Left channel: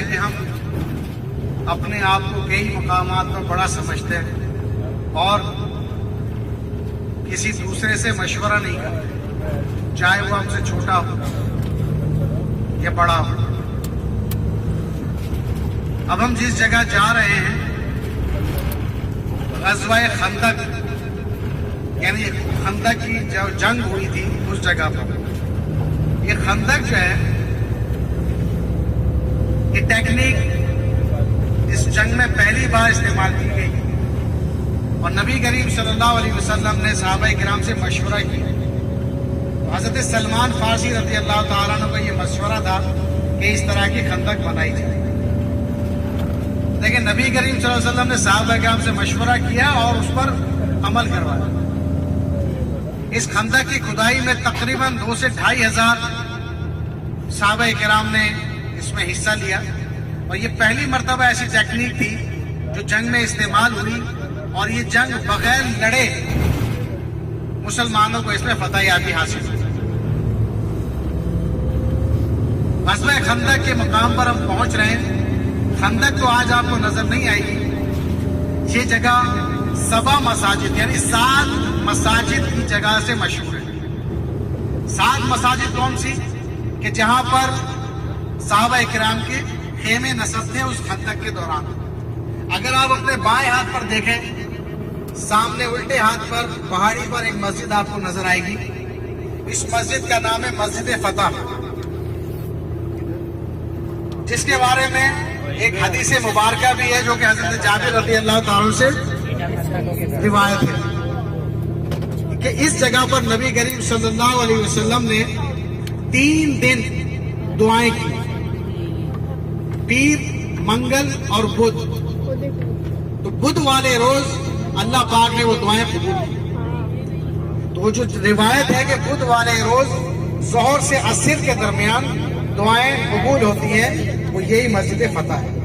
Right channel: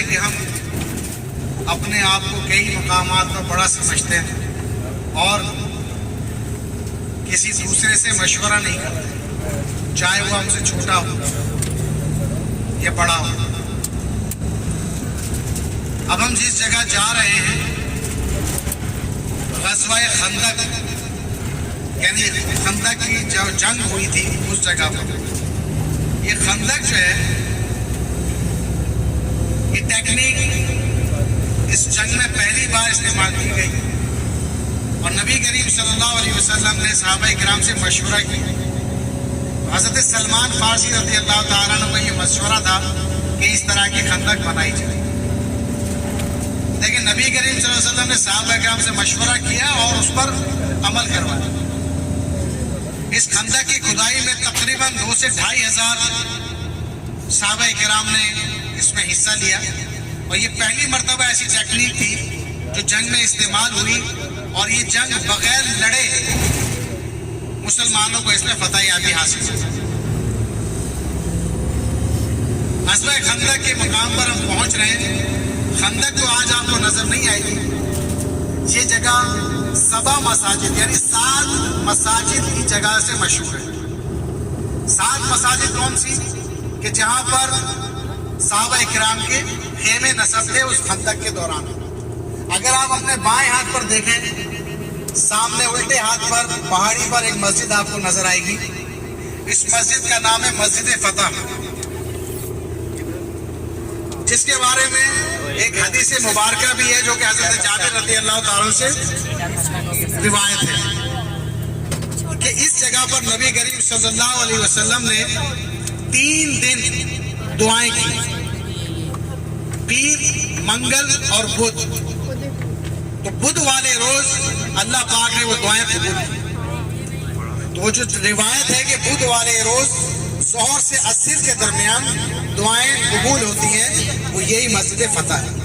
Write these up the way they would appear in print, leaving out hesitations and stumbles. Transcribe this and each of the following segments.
ہے کہ ہم اپنے آپ کو کئی مقامات پر بڑا سمجھتے ہیں اور کسی دوسرے سے مشورہ نہیں کرتے، چاہے وہ ہم سے چھوٹا ہو یا بڑا ہو۔ اب ہم جس جگہ جا رہے ہیں غزوہ خندق، یعنی خندق کی جو جنگ ہوئی تھی اس جگہ پر، یہ خندق جو ہے یہ ٹیکنیک اس جنگ میں پہلی بار استعمال کی گئی اور نبی کریم صلی اللہ علیہ وسلم نے صحابہ کرام سے مشورہ کیا۔ حضرت سلمان فارسی رضی اللہ تعالیٰ عنہ کا یہ مشورہ تھا کہ اس طرح کی خندق بنائی جائے، لیکن نبی کریم صلی اللہ علیہ وسلم نے صحابہ کرام سے مشورہ کیا اور اس پر عمل کروایا۔ اس خندق کی کھدائی میں تقریباً 2 سے 2.5 ہزار صحابہ کرام نے اس میں حصہ لیا اور یہ پہلی مرتبہ ایسی ٹیکنیک تھی جو جنگ میں استعمال ہوئی اور یہ جنگ بغیر لڑے مسلمانوں کو اس میں فتح یابی حاصل ہوئی۔ غزوہ خندق کے مقام پر ہم پہنچ رہے ہیں۔ خندق تو آج آپ کو نظر نہیں آئے گی، یہ جگہ 7 مساجد یعنی 7 مساجد کی جگہ سے مشہور ہے۔ 7 مساجد کون سی کہ جہاں پر صحابہ اکرام کے خیمے نصب تھے اس خندق کے دوران۔ اگر آپ اپنے بائیں ہاتھ پر دیکھیں، سامنے الٹے ہاتھ پر پہاڑی پر ایک مسجد آپ کو نظر آئے گی، اس مسجد کا نام ہے مسجد فتح، جس کے بارے میں ایک حدیث مبارکہ بھی ہے جو کہ حضرت جابر رضی اللہ تعالیٰ سے روایت ہے کہ اس جگہ پر نبی کریم صلی اللہ علیہ وسلم نے 3 دن دعائیں کی، پیر، منگل اور بدھ۔ تو بدھ والے روز اللہ پاک نے وہ دعائیں قبول کی۔ تو وہ جو روایت ہے کہ بدھ والے روز ظہر سے عصر کے درمیان دعائیں قبول ہوتی ہیں، وہ یہی مسجد فتح ہے۔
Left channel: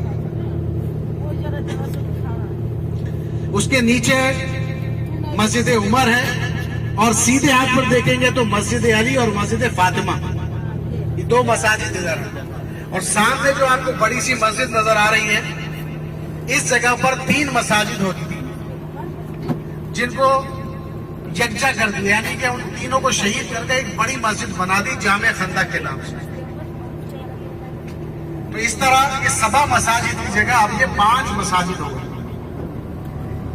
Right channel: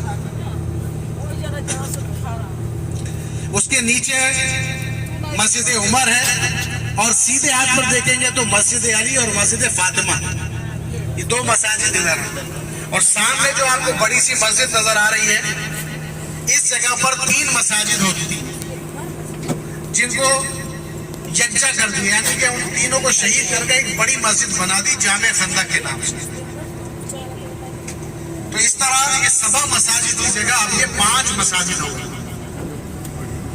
اس کے نیچے مسجد عمر ہے اور سیدھے ہاتھ پر دیکھیں گے تو مسجد علی اور مسجد فاطمہ، یہ 2 مساجد ادھر ہیں۔ اور سامنے جو آپ کو بڑی سی مسجد نظر آ رہی ہے، اس جگہ پر 3 مساجد ہوتی تھی جن کو یکجا کر دیا، یعنی کہ ان تینوں کو شہید کر کے ایک بڑی مسجد بنا دی جامع خندق کے نام سے۔ تو اس طرح یہ 7 مساجد کی جگہ اب یہ 5 مساجد ہو گئی۔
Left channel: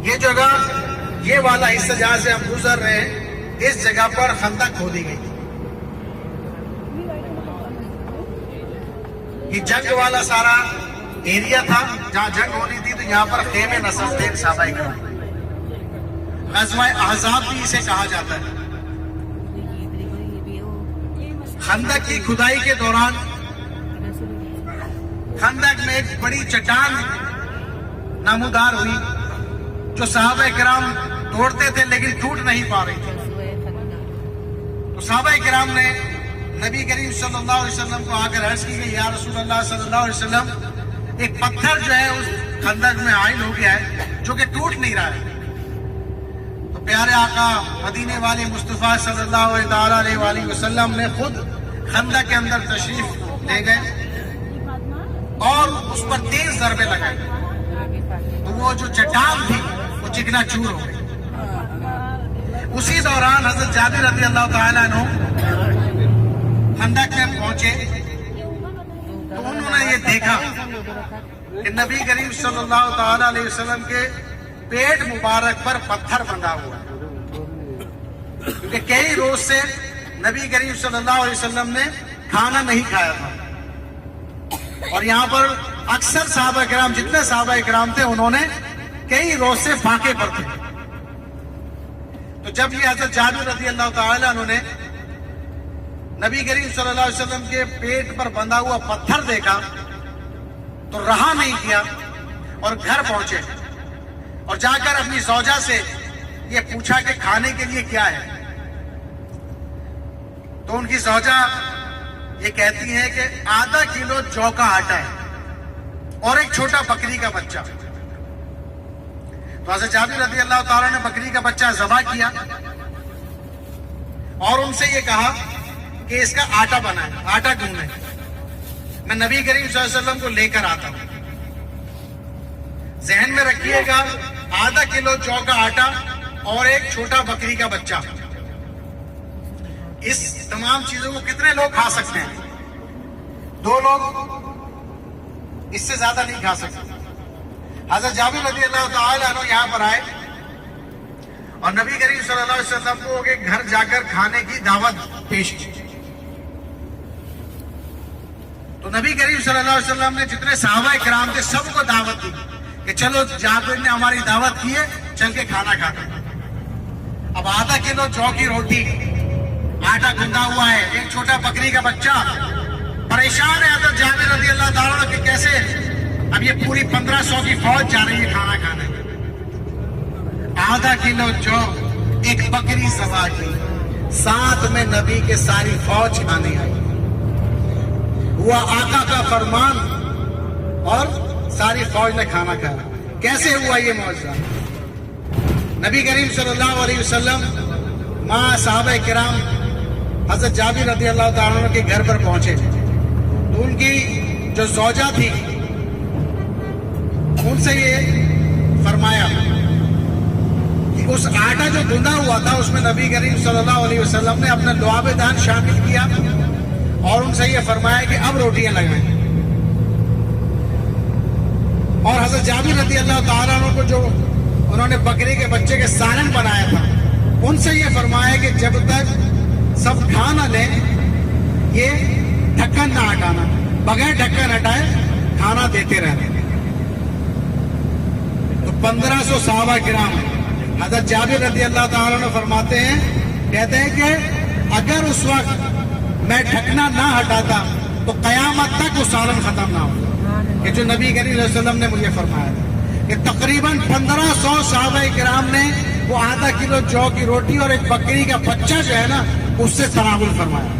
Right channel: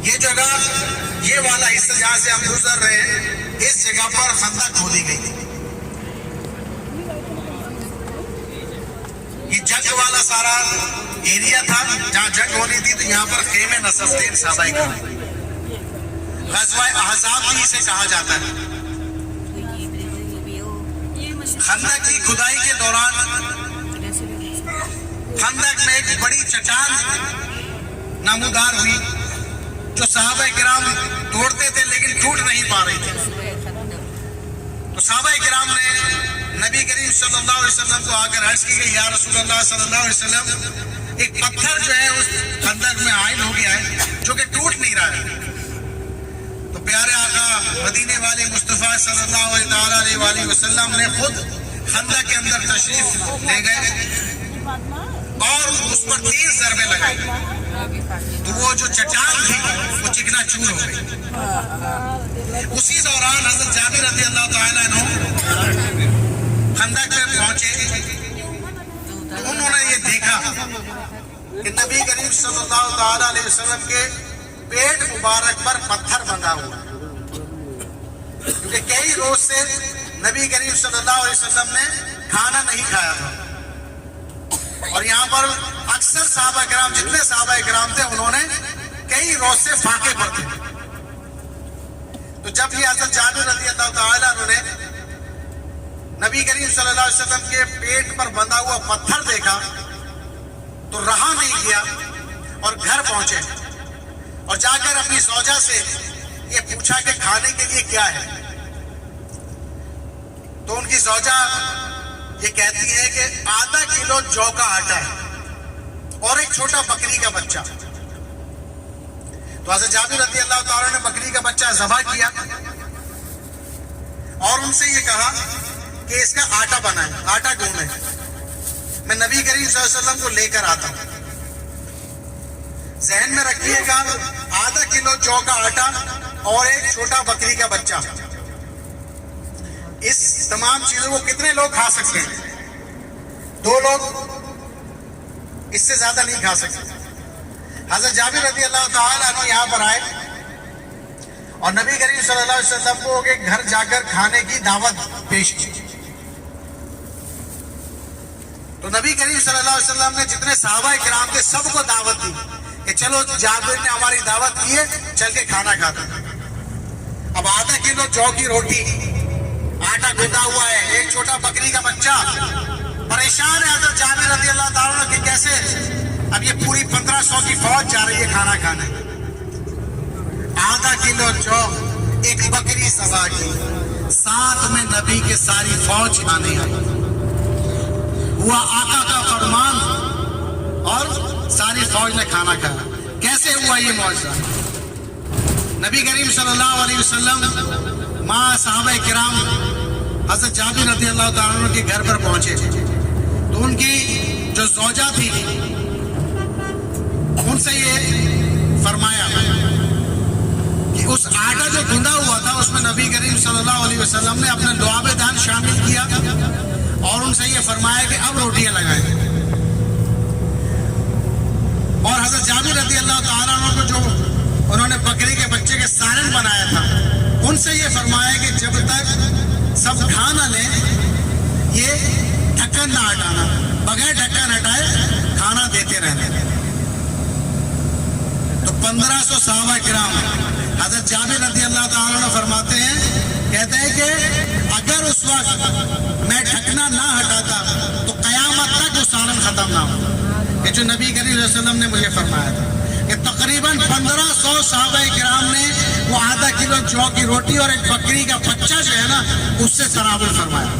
یہ جگہ، یہ والا حصہ جہاں سے ہم گزر رہے ہیں، اس جگہ پر خندق کھودی گئی تھی۔ یہ جنگ والا سارا ایریا تھا جہاں جنگ ہونی تھی، تو یہاں پر خیمے نصب تھے صحابہ کرام۔ غزوہ احزاب بھی اسے کہا جاتا ہے۔ خندق کی کھدائی کے دوران خندق میں ایک بڑی چٹان نمودار ہوئی جو صحابہ کرام توڑتے تھے لیکن ٹوٹ نہیں پا رہی تھی۔ تو صحابہ کرام نے نبی کریم صلی اللہ علیہ وسلم کو آ کر عرض کی کہ یا رسول اللہ صلی اللہ علیہ وسلم، ایک پتھر جو ہے اس خندق میں عائل ہو گیا ہے جو کہ ٹوٹ نہیں رہا ہے۔ تو پیارے آقا مدینے والے مصطفیٰ صلی اللہ علیہ وسلم نے خود خندق کے اندر تشریف لے گئے اور اس پر 3 ضربے لگائے، تو وہ جو چٹان تھی وہ چکنا چور ہو گئی۔ اسی دوران حضرت جابر رضی اللہ تعالیٰ عنہ خندق میں پہنچے تو انہوں نے یہ دیکھا کہ نبی کریم صلی اللہ تعالیٰ علیہ وسلم کے پیٹ مبارک پر پتھر بندھا ہوا، کیونکہ کئی روز سے نبی کریم صلی اللہ علیہ وسلم نے کھانا نہیں کھایا تھا اور یہاں پر اکثر صحابہ کرام، جتنے صحابہ کرام تھے، انہوں نے کئی روز سے فاقے پر تھے۔ تو جب یہ حضرت جابر رضی اللہ تعالیٰ عنہ نے نبی کریم صلی اللہ علیہ وسلم کے پیٹ پر بندھا ہوا پتھر دیکھا تو رہا نہیں کیا اور گھر پہنچے اور جا کر اپنی زوجہ سے یہ پوچھا کہ کھانے کے لیے کیا ہے۔ تو ان کی زوجہ یہ کہتی ہے کہ آدھا کلو جو کا آٹا ہے اور ایک چھوٹا بکری کا بچہ۔ تو حضرت جابر رضی اللہ تعالیٰ نے بکری کا بچہ ذبح کیا اور ان سے یہ کہا کہ اس کا آٹا بنا ہے، آٹا گوندھیں۔ میں نبی کریم صلی اللہ علیہ وسلم کو لے کر آتا ہوں. ذہن میں رکھیے گا آدھا کلو جو کا آٹا اور ایک چھوٹا بکری کا بچہ, اس تمام چیزوں کو کتنے لوگ کھا سکتے ہیں؟ 2 لوگ, اس سے زیادہ نہیں کھا سکتے. حضرت جابر رضی اللہ تعالیٰ عنہ یہاں پر آئے اور نبی کریم صلی اللہ علیہ وسلم کو کے گھر جا کر کھانے کی دعوت پیش کی. تو نبی کریم صلی اللہ علیہ وسلم نے جتنے صحابہ کرام تھے سب کو دعوت دی کہ چلو جابر نے ہماری دعوت کی ہے, چل کے کھانا کھاتے ہیں. اب آدھا کلو جو کی روٹی, آٹا گندھا ہوا ہے, ایک چھوٹا بکری کا بچہ, پریشان ہے حضرت جابر رضی اللہ تعالیٰ کہ کیسے اب یہ پوری 1500 کی فوج جا رہی ہے کھانا کھانے. آدھا کلو جو, ایک بکری ذبح کی, ساتھ میں نبی کے ساری فوج کھانے آئی. ہوا آقا کا فرمان اور ساری فوج نے کھانا کھایا. کیسے ہوا یہ معجزہ؟ نبی کریم صلی اللہ علیہ وسلم ماں صحابہ کرام حضرت جابر رضی اللہ تعالیٰ عنہ کے گھر پر پہنچے تو ان کی جو زوجہ تھی ان سے یہ فرمایا کہ اس آٹا جو گندھا ہوا تھا اس میں نبی کریم صلی اللہ علیہ وسلم نے اپنا لعاب دان شامل کیا اور ان سے یہ فرمایا کہ اب روٹیاں لگائیں. اور حضرت جابر رضی اللہ تعالیٰ عنہ کو جو انہوں نے بکری کے بچے کے سالن بنایا تھا ان سے یہ فرمایا کہ جب تک سب کھا نہ لیں یہ ڈھکن نہ ہٹانا, بغیر ڈھکن ہٹائے کھانا دیتے رہنا. تو 1500 صحابہ کرام حضرت جابر رضی اللہ تعالیٰ عنہ فرماتے ہیں, کہتے ہیں کہ اگر اس وقت میں ڈھکنا نہ ہٹاتا تو قیامت تک وہ سالن ختم نہ ہو. کہ جو نبی کریم صلی اللہ علیہ وسلم نے مجھے فرمایا تھا کہ تقریباً 1500 صحابہ کرام نے وہ آدھا کلو جو کی روٹی اور ایک بکری کا بچہ جو ہے نا اس سے تناول فرمایا.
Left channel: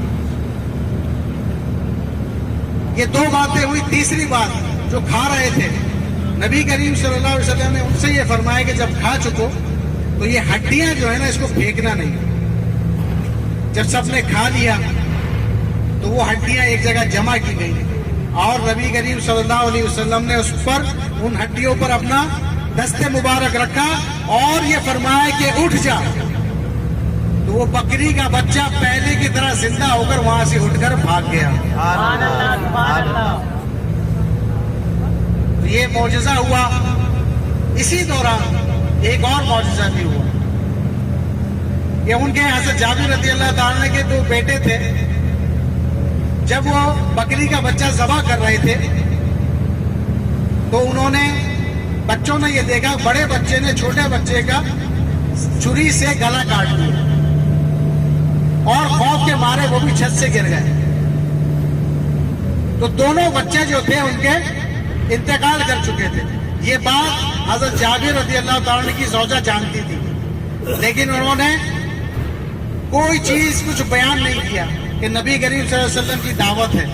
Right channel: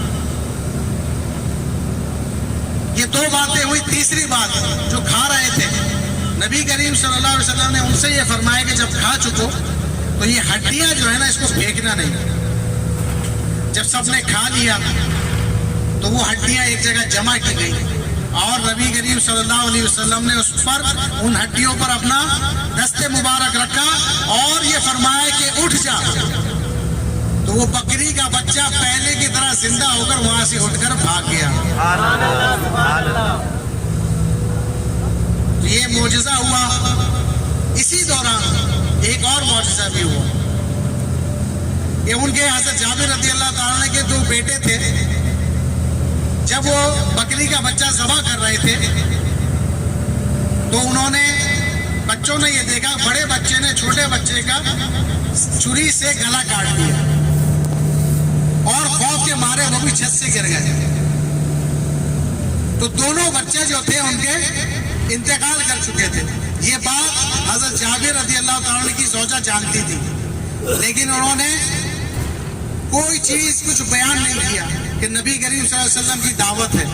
یہ 2 باتیں ہوئی. تیسری بات, جو کھا رہے تھے نبی کریم صلی اللہ علیہ وسلم نے ان سے یہ فرمایا کہ جب کھا چکو تو یہ ہڈیاں جو ہے نا اس کو پھینکنا نہیں. جب سب نے کھا لیا تو وہ ہڈیاں ایک جگہ جمع کی گئی اور نبی کریم صلی اللہ علیہ وسلم نے اس پر ان ہڈیوں پر اپنا دست مبارک رکھا اور یہ فرمایا کہ اٹھ جا. تو وہ بکری کا بچہ پہلے کی طرح زندہ ہو کر وہاں سے اٹھ کر بھاگ گیا. یہ معجزہ ہوا. اسی دوران ایک اور معجزہ بھی ہوا کہ ان کے حضرت جابر رضی اللہ تعالیٰ کے 2 بیٹے تھے. جب وہ بکری کا بچہ ذبح کر رہے تھے تو انہوں نے, بچوں نے یہ دیکھا بڑے بچے نے چھوٹے بچے کا چھری سے گلا کاٹ دیا اور خوف کے مارے وہ بھی چھت سے گر گئے. تو دونوں بچے جو تھے ان کے انتقال کر چکے تھے. یہ بات حضرت جابر رضی اللہ تعالیٰ کی زوجہ جانتی تھی, لیکن انہوں نے کوئی چیز کچھ بیان نہیں کیا کہ نبی کریم صلی اللہ علیہ وسلم کی دعوت ہے.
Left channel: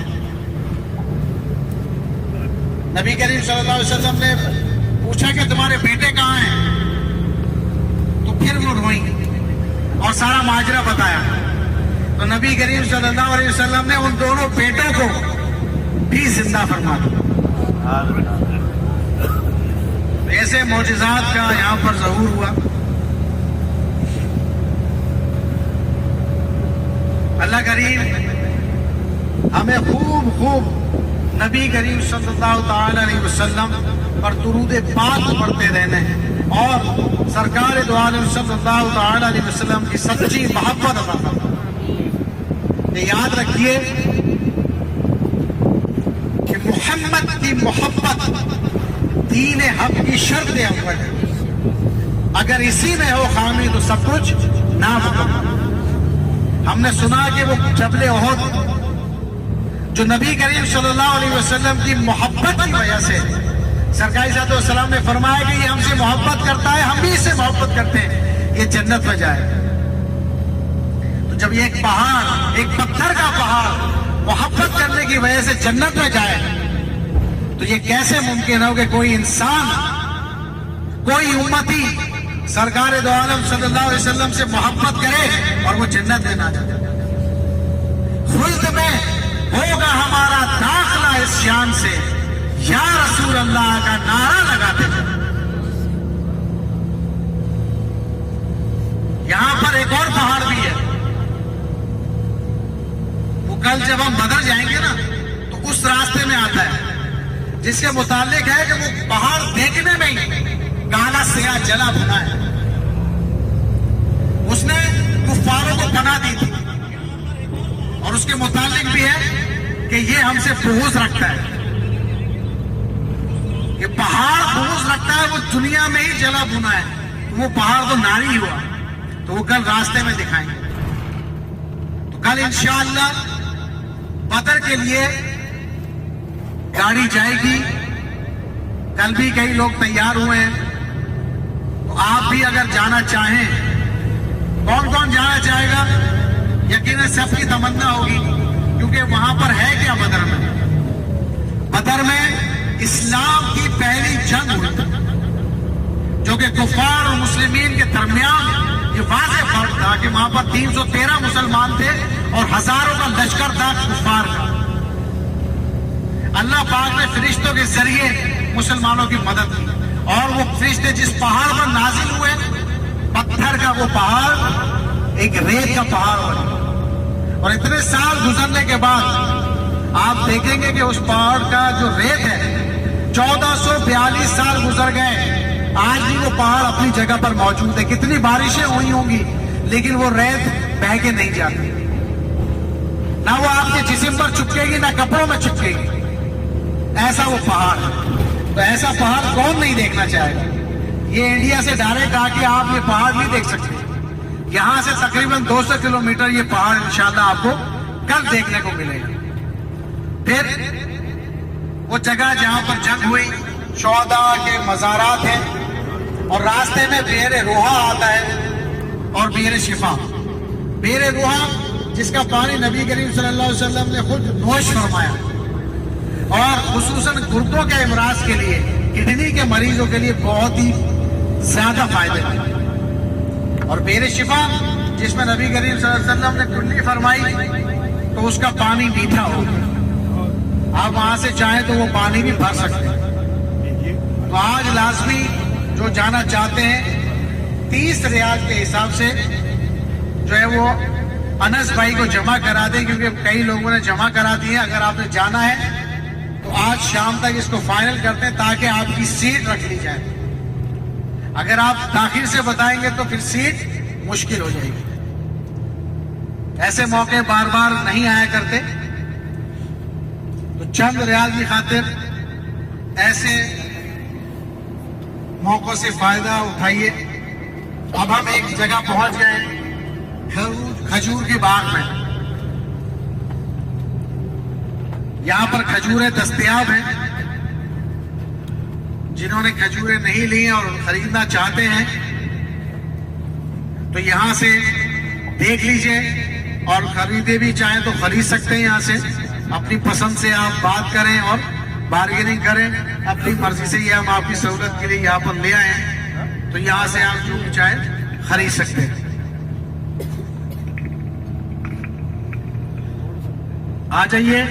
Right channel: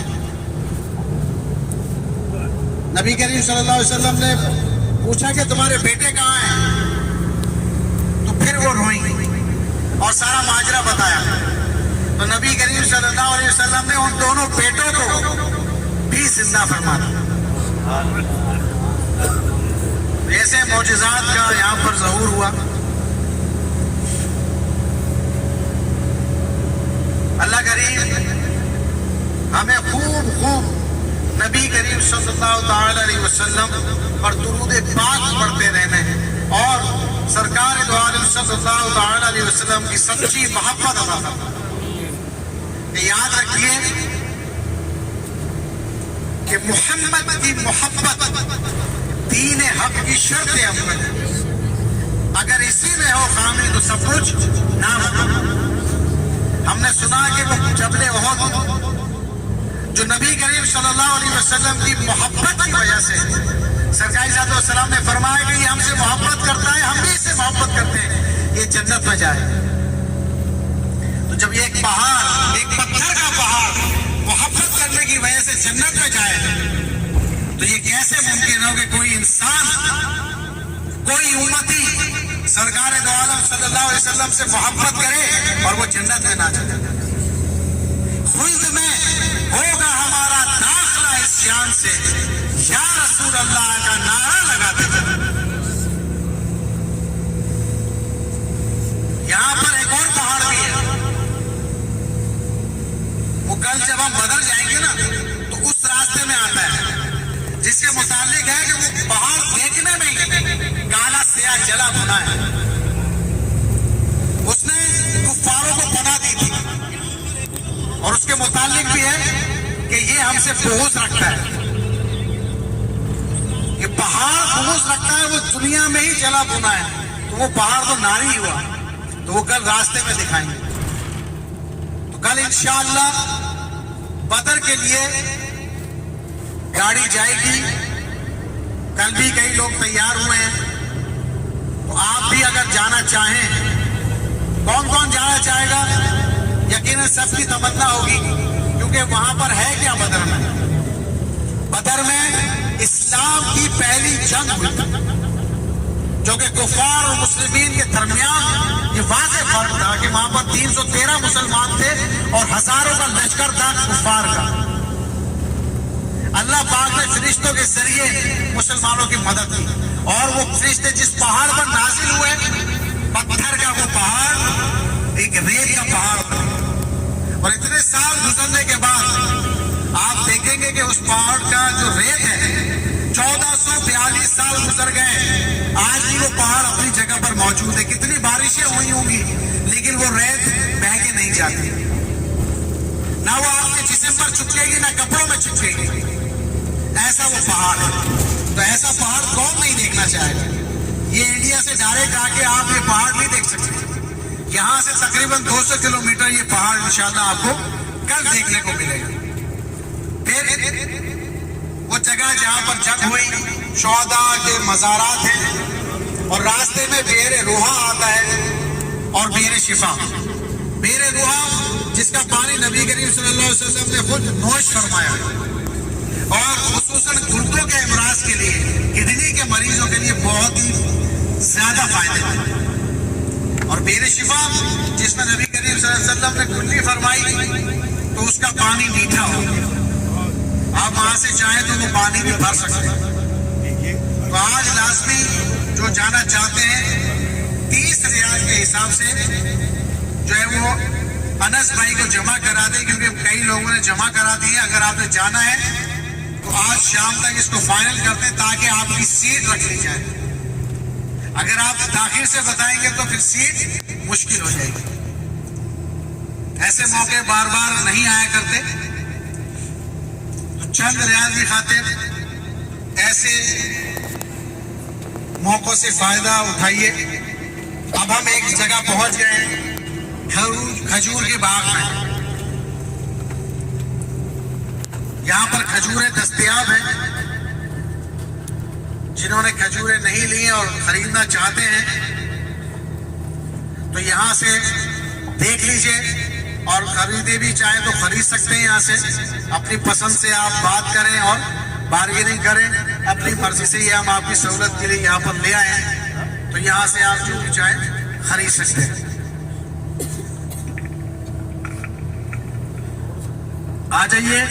نبی کریم صلی اللہ علیہ وسلم نے پوچھا کہ تمہارے بیٹے کہاں ہیں؟ تو پھر وہ روئیں اور سارا ماجرا بتایا. تو نبی کریم صلی اللہ علیہ وسلم نے ان دونوں بیٹوں کو بھی زندہ فرما دیا. ایسے معجزات کا یہاں پر ظہور ہوا. اللہ کریم ہمیں خوب نبی کریم صلی اللہ تعالی علیہ وسلم اور درود پاک پڑھتے رہنے اور سرکار دو عالم صلی اللہ تعالی علیہ وسلم کی سچی محبت عطا فرمائے. یاد رکھیے کہ محمد کی محبت دین حق کی شرط اول ہے. اگر اسی میں ہو خامی تو سب کچھ نہ ہو. ہم نے سنا کہ وہ جبل احد جو نبی کریم صلی اللہ علیہ وسلم کی محبت کی وجہ سے سرکار صلی اللہ علیہ وسلم نے فرمایا کہ یہ ہم سے محبت کرتا ہے, ہم بھی اس سے محبت کرتے ہیں, یہ جنت میں جائے. تو جب یہ ایک پہاڑ, ایک پتھر کا پہاڑ محبت کرنے کی وجہ سے جنت میں جائے تو یہ کیسے ممکن ہو کہ کوئی انسان, کوئی امتی سرکار دو عالم صلی اللہ علیہ وسلم سے محبت کرے اور وہ جنت میں نہ جائے. خلد میں ہوگا ہمارا داخلہ اس شان سے یا رسول اللہ کا نعرہ لگاتے تھے. یہاں پر ایک اور پہاڑ بھی ہے. وہ کل جب ہم بدر جائیں گے نا تو اس راستے میں آتا ہے, جس کے متعلق ہے کہ وہ پہاڑ دیکھنے میں ہی کالا سیاہ جلا بنا ہے. اس نے کفاروں کو پناہ دی تھی, اور اس کے متعلق بھی ہے کہ یہ ہم سے بغض رکھتا ہے. یہ پہاڑ بغض رکھتا ہے, وہ دنیا میں ہی جلا بنا ہے, تو وہ پہاڑ تو ناری ہوا, تو وہ کل راستے میں دکھائیں گے. تو کل انشاءاللہ بدر کے لیے گاڑی جائے گی. کل بھی کئی لوگ تیار ہوئے ہیں, تو آپ بھی اگر جانا چاہیں, کون کون جانا چاہے گا؟ یقیناً سب کی تمنا ہوگی, کیونکہ وہاں پر ہے کیا بدر میں؟ بدر میں اسلام کی پہلی جنگ ہوئی, جو کہ کفار اور مسلمین کے درمیان یہ واضح فرق تھا کہ وہاں پر 313 مسلمان تھے اور ہزاروں کا لشکر تھا کفار کا. اللہ پاک نے فرشتوں کے ذریعے مسلمانوں کی مدد کی, اور وہ فرشتے جس پہاڑ پر نازل ہوئے, پتھر کا وہ پہاڑ ایک ریت کا پہاڑ بنے. اور اتنے سال گزرنے کے بعد آپ دیکھیں گے کہ اس پہاڑ کا جو ریت ہے 1442 سال گزر گئے, آج بھی وہ پہاڑ اپنی جگہ پر موجود ہے. کتنی بارشیں ہوئی ہوں گی لیکن وہ ریت بہہ کے نہیں جاتی, نہ وہ آپ کے جسم پر چپکے گی نہ کپڑوں میں چپکے گی. ایسا وہ پہاڑ ہے. تو ایسا پہاڑ کون نہیں دیکھنا چاہے گا؟ یہ انڈیا سے ڈائریکٹ آ کے آپ یہ پہاڑ نہیں دیکھ سکتے. یہاں سے تقریباً 200 کلومیٹر یہ پہاڑ انشاءاللہ آپ کو کل دیکھنے کو ملے گا. پھر وہ جگہ جہاں پر جنگ ہوئی, شہداء کے مزارات ہیں, اور راستے میں بئر روحا آتا ہے اور بئر شفا. بئر روحا جس کا پانی نبی کریم صلی اللہ علیہ وسلم نے خود نوش فرمایا, اور خصوصاً گردوں کے امراض کے لیے, کڈنی کے مریضوں کے لیے بہت ہی زیادہ فائدے مند. اور بئر شفا جس میں نبی کریم صلی اللہ علیہ وسلم نے کھلی فرمائی, تو اس کا پانی میٹھا ہو گیا. آپ وہاں سے چاہیں تو وہ پانی بھی بھر سکتے ہیں. تو آج لازمی جو جانا چاہتے ہیں 30 ریال کے حساب سے جو ہے وہ انس بھائی کو جمع کرا دیں, کیونکہ کئی لوگوں نے جمع کرا دی ہے. اگر آپ نے جانا ہے تو آج شام تک اس کو فائنل کرتے ہیں تاکہ آپ کی سیٹ رکھ لی جائے. اگر آپ تاخیر سے بتائیں گے تو پھر سیٹ مشکل ہو جائے گی. ایسے موقع بار بار نہیں آیا کرتے, تو چند ریال کی خاطر ایسے موقعوں سے فائدہ اٹھائیے. اب ہم ایک جگہ پہنچ گئے کھجور کے باغ میں. یہاں پر کھجوریں دستیاب ہیں. جنہوں نے کھجوریں نہیں لی ہیں اور خریدنا چاہتے ہیں تو یہاں سے دیکھ لیجئے, اور خریدے بھی چاہیں تو خرید سکتے ہیں. یہاں سے اپنی پسند سے آپ بات کریں اور بارگیننگ کریں. اپنی مرضی سے یہ ہم آپ کی سہولت کے لیے یہاں پر لے آئے ہیں, تو یہاں سے آپ جو بھی چاہیں خرید سکتے ہیں. آ جائیے.